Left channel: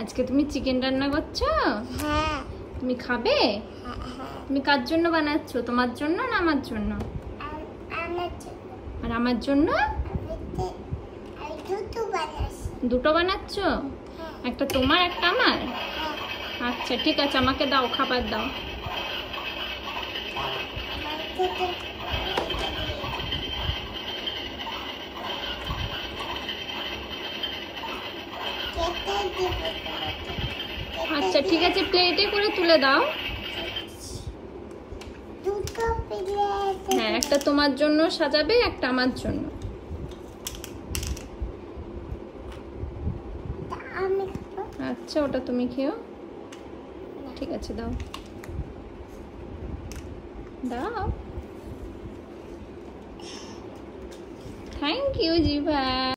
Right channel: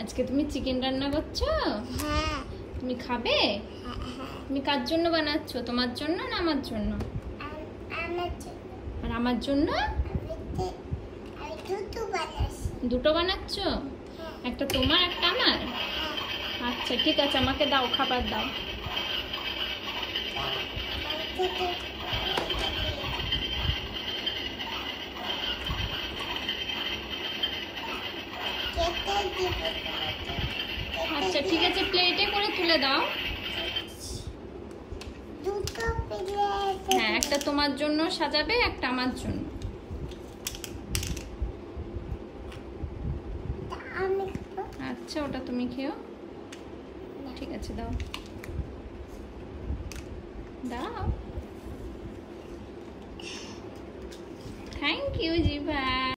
আজকে তুমি চিকেন রান্না করছো? হ্যাঁ। তুমি খাবে? তুমি কার জন্য বানাচ্ছো, তোমার জন্য না আমার জন্য? আর আমার জন্য? দুটো বানাচ্ছো? একটা তোমার একটা আমার? আচ্ছা ঠিক আছে, আমাকে দাও, খাবার দাও। আচ্ছা ঠিক আছে, প্লেটে করে তুলে দাও। হ্যাঁ, একটা তোমার জন্য সাজাবে, একটা আমার জন্য। আচ্ছা, ওটা তুমি খেও। ঠিক আছে, দাও দাও। থ্যাংক ইউ জিভা।